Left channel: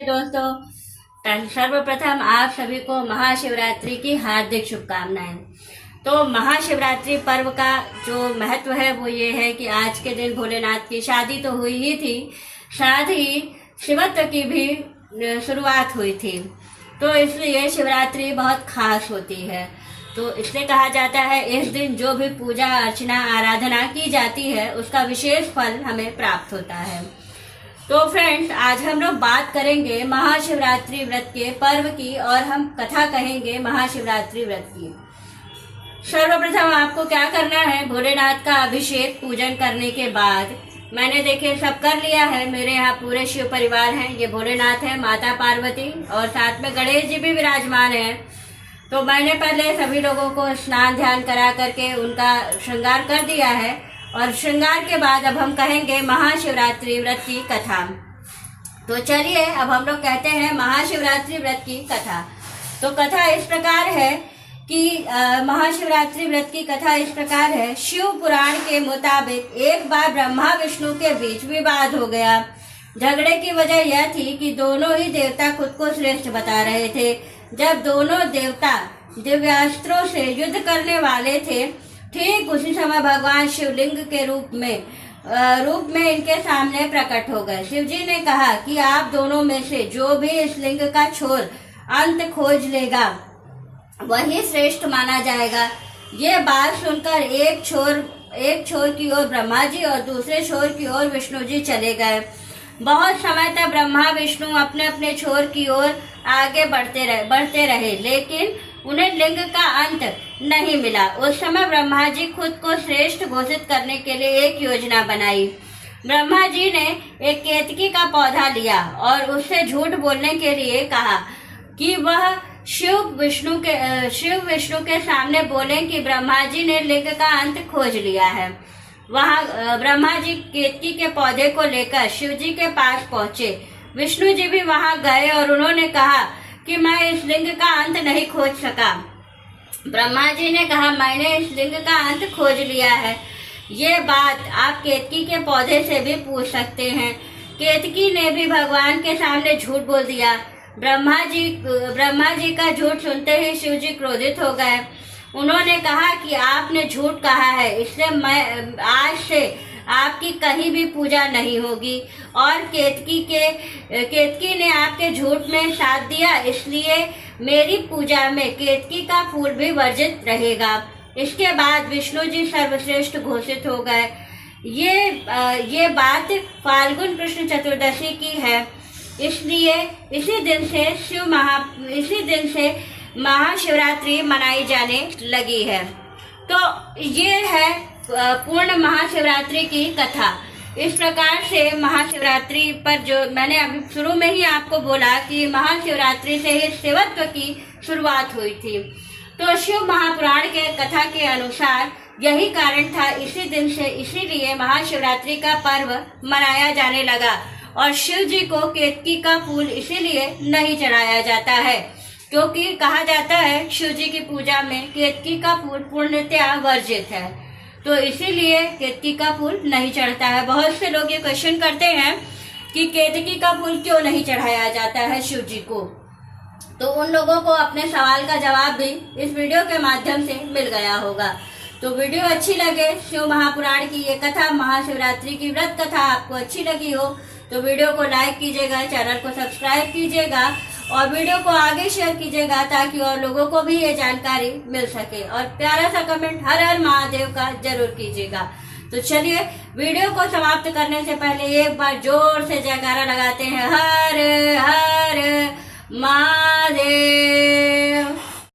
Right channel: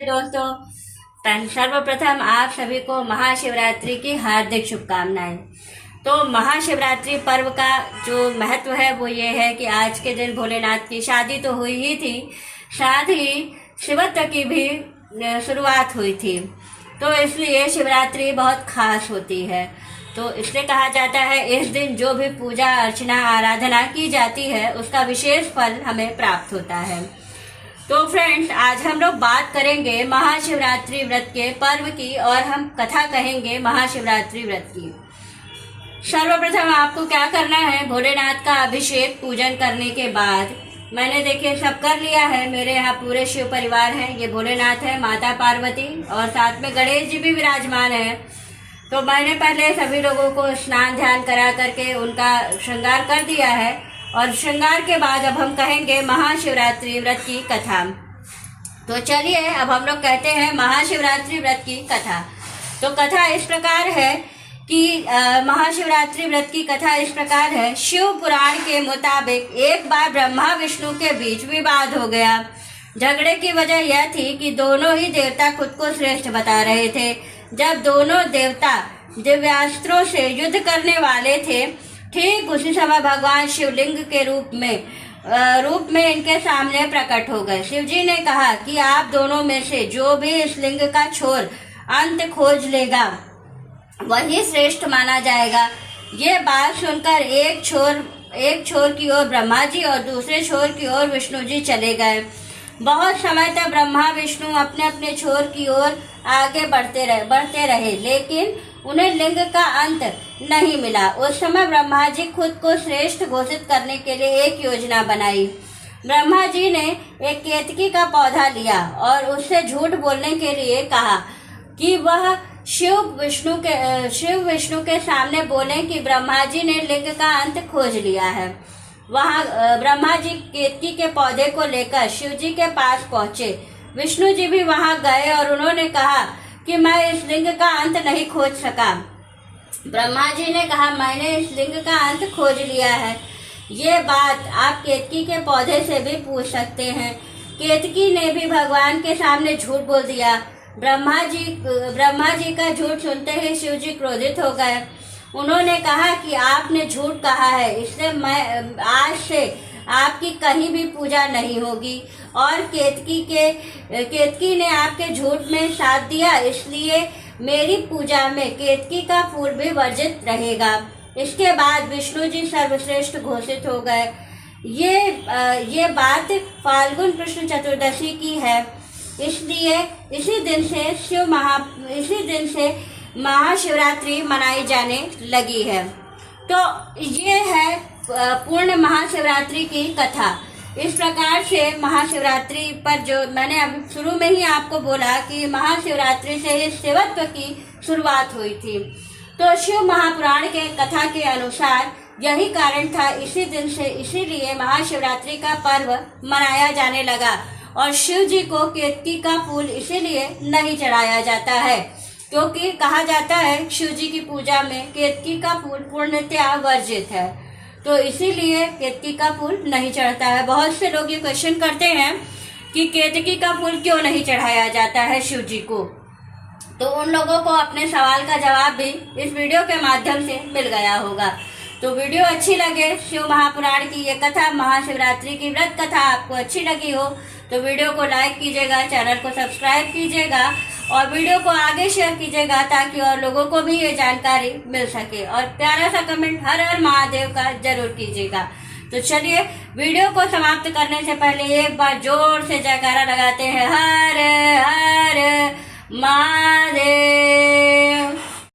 दोस्तों, सर्वप्रथम आप सभी को महाशिवरात्रि की हार्दिक शुभकामनाएं। तो महाशिवरात्रि पर्व का जो महत्व है वो ये है कि आज के दिन भोलेनाथ की शादी तो हुई ही थी, साथ ही शिवरात्रि की भी शुरुआत हुई थी। तो इसलिए शिवरात्रि बहुत खास होती है। तो इसलिए कहा जाता है इस दिन जो भी पूजा अर्चना आराधना की जाती है उसका विशेष फल हमें प्राप्त होता है। तो फ्रेंड्स, आज हम लोग बात करेंगे महाशिवरात्रि व्रत के पर्व की और हम कथा कहेंगे महाशिवरात्रि व्रत की। सर्वप्रथम आपको क्या करना है, भोलेनाथ का अभिषेक पूजन करने के बाद मैंने देखे सब कर लिया है। मेरे यहाँ पूरे शिव परिवार हैं, ये भोलेनाथ है, माता पार्वती और साथ में गणेश जी भी विराजमान है। तो मैंने पहले सभी लोगों को स्नान ध्यान करा करके उनका श्रृंगार कर दिया है और श्रृंगार के बाद अब हम कहेंगे महाशिवरात्रि व्रत की कथा। तो चलिए अब हम लोग कहते हैं महाशिवरात्रि व्रत की कथा। तो कथा इस प्रकार है कि महाशिवरात्रि व्रत की कथा इस प्रकार है। शिव पुराण के मुताबिक एक बार ब्रह्मा विष्णु के बीच विवाद हो गया। झगड़े की वजह यह थी कि दोनों ही देवता खुद को श्रेष्ठ बता रहे थे। जब दोनों देवता दिव्यास्त्रों से युद्ध करने वाले थे, ठीक उसी समय भगवान शिवलिंग के रूप में इनके सामने प्रकट हो गए। शिवजी ने कहा कि आप दोनों में से जो भी इस लिंग का छोर अंत खोज लेगा वही श्रेष्ठ माना जाएगा। ये बात सुनकर एक छोर की ओर ब्रह्मा जी और दूसरे छोर की ओर विष्णु जी चले गए। बहुत समय तक ब्रह्मा विष्णु अपने अपने छोर की ओर आगे बढ़ते रहे, लेकिन उन्हें लिंग का अंत नहीं मिला। उस समय ब्रह्मा जी खुद को श्रेष्ठ घोषित करने के लिए एक योजना बनाई। ब्रह्मा जी ने एक केतकी का पौधा लिया और उससे झूठ बोलने के लिए कहा कि वह शिव विष्णु के सामने बोले कि ब्रह्मा जी ने लिंग का अंत खोज लिया है। वहां ब्रह्मा जी केतकी के पौधे को लेकर शिव जी के पास पहुंचे। विष्णु जी भी वहां गए और उन्होंने कहा कि मैं इस लिंग का अंत नहीं खोज सका। ब्रह्मा जी ने कहा मैंने इस लिंग का अंत खोज लिया है। ये बात आप केतकी के पौधे से भी पूछ सकते हैं। केतकी ने भी भगवान के सामने झूठ बोल दिया। ब्रह्मा जी का झूठ सुनते ही शिव जी क्रोधित हो गए। उन्होंने कहा कि आपने झूठ कहा है, इसलिए मैं आज से आपकी कहीं भी पूजा नहीं होगी। और केतकी ने आपके झूठ में साथ दिया, इसलिए मेरी पूजा में केतकी का फूल भी वर्जित रहेगा। इसके बाद विष्णु जी सर्वश्रेष्ठ घोषित हो गए। ये बात फाल्गुन कृष्ण चतुर्दशी की है, इसलिए इसी दिन से महाशिवरात्रि मनाई जाने लगी है। तो ये है पूर्ण महाशिवरात्रि की कथा। इस प्रकार से महाशिवरात्रि पर जो मैंने अभी शुरू में ही आपको बोला कि महाशिवरात्रि से ही शिवत्व की शुरुआत हुई थी। तो शिव महापुराण के कथा के अनुसार यही कारण था, इसी दिन से इसीलिए महाशिवरात्रि का पर्व मनाया जाने लगा। और शिव जी को केतकी का फूल इसीलिए नहीं चढ़ाया जाता है क्योंकि कहा जाता है शिव जी की पूजा में केतकी का फूल पूर्णतया वर्जित है। तो इसीलिए केतकी का फूल नहीं चढ़ता है। बहुत से लोग ये क्वेश्चन करते हैं कि केतकी का फूल क्यों नहीं चढ़ाया जाता है शिव जी को। तो उन लोगों को अपने सवाल का जवाब भी इस वीडियो के माध्यम से मिल गया होगा। तो वीडियो अच्छी लगे, शिव महापुराण की ये कथा महाशिवरात्रि की व्रत कथा आपको अच्छी लगी हो तो वीडियो को लाइक कीजिएगा, चैनल को सब्सक्राइब कीजिएगा और वीडियो को आगे शेयर कीजिएगा ताकि और लोगों को भी ये जानकारी मिल सके। और प्यारा सा कमेंट हर हर महादेव का जरूर कीजिएगा। तो चलिए वीडियो को समाप्त करने से पहले एक बार जोर से जयकारा लगाते हैं, हर हर